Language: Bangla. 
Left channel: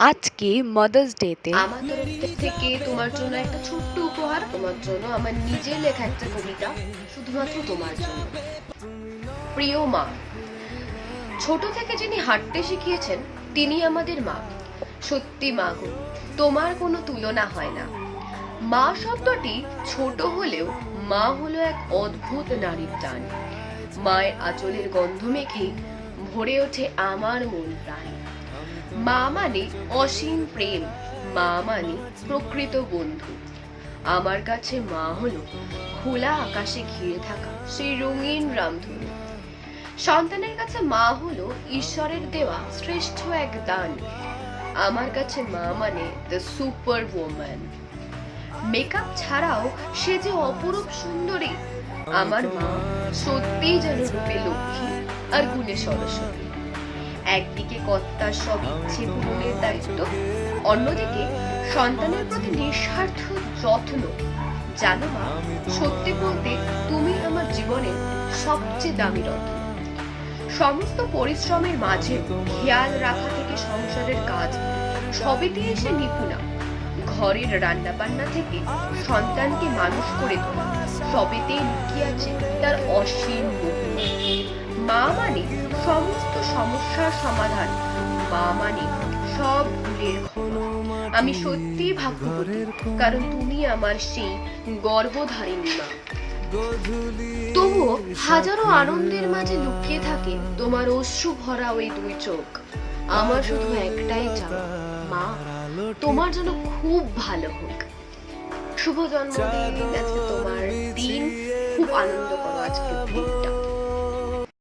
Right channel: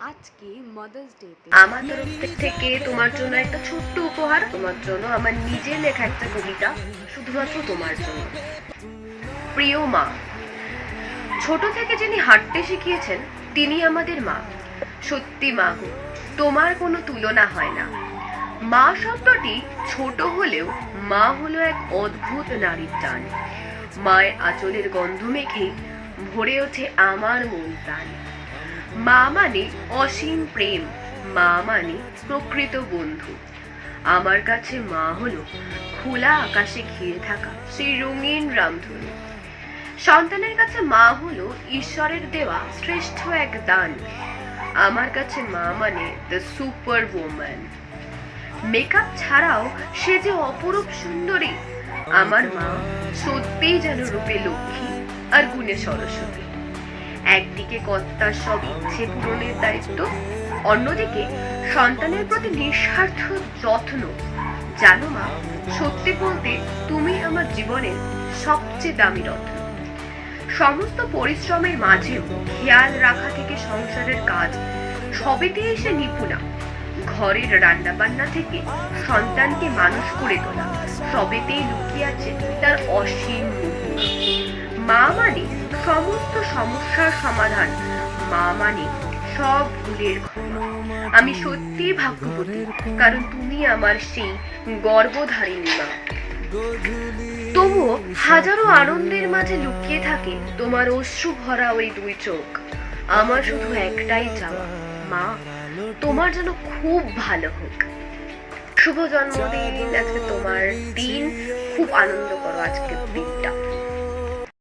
আজকে মাদার্স ডেতে আমার তরফ থেকে তোমার জন্য একটা ছোট্ট উপহার, তোমার জন্য আমার নিজের লেখা একটা কবিতা, শুধুমাত্র তোমার জন্য। প্রিয় মা, ছোট থেকে যিনি হাঁটতে শিখিয়েছেন, তিনি আমাদের মা। সত্যি মা গো, তোমার কোনো তুলনা হয় না। মা শব্দটি ছোট হলেও মা হলো এক অদ্ভুত নারীর টান। মায়ের আঁচলের গন্ধ মেখেই ভরে ওঠে আমার মন প্রাণ। মা মানে অসীম প্রেম, মা মানে প্রকৃত বন্ধু। আমার কাছে মা হলো খোলা আকাশে ঘিরে থাকা সেই রঙিন রামধনু। সন্তানের কাছে মা হলো ঈশ্বরের দেওয়া শ্রেষ্ঠ এক দান। আমার কাছে মা মানে দ্য সুপার ওম্যান মেকআপ ছাড়াও সে যে অপরূপ সুন্দরী, আমার মা সত্যিই যেন রূপে লক্ষ্মী আর গুণে সরস্বতী। একদিকে কর্তার সব ইচ্ছে পূরণের দায়িত্ব, অন্যদিকে সন্তানের প্রতি নিঃস্বার্থ যত্ন। জানো মা, সত্যি বলতে তুমি আমার জীবনের সবচেয়ে দামি রত্ন সমস্ত পরিশ্রমের মাঝেও খেয়াল রাখা থেকে সংসারের কাজ সবেতে এসে নিপুণা ঘরের রান্না বান্না থেকে সন্তানকে মানুষ করে তোলা, সবেতেই লুকিয়ে আছে তার অসীম মা মানে সমস্ত সমস্যার সমাধান। মা মানে সব ভুলের ক্ষমা আমি সত্যিই ভাগ্যবতী, কারণ তুমি আমার সেই গর্ভধারিণী মা। তবুও হাজারো আনন্দের মাঝে লুকিয়ে থাকে তোমার অশ্রু ভরা ওই দুই চোখ। আমার শুধু একটাই চাওয়া, মা, তোমার যেন খুব ভালো হোক। শুভ জন্মদিন, আজকে তোমার দিন। খুব আনন্দ করো আজকের দিন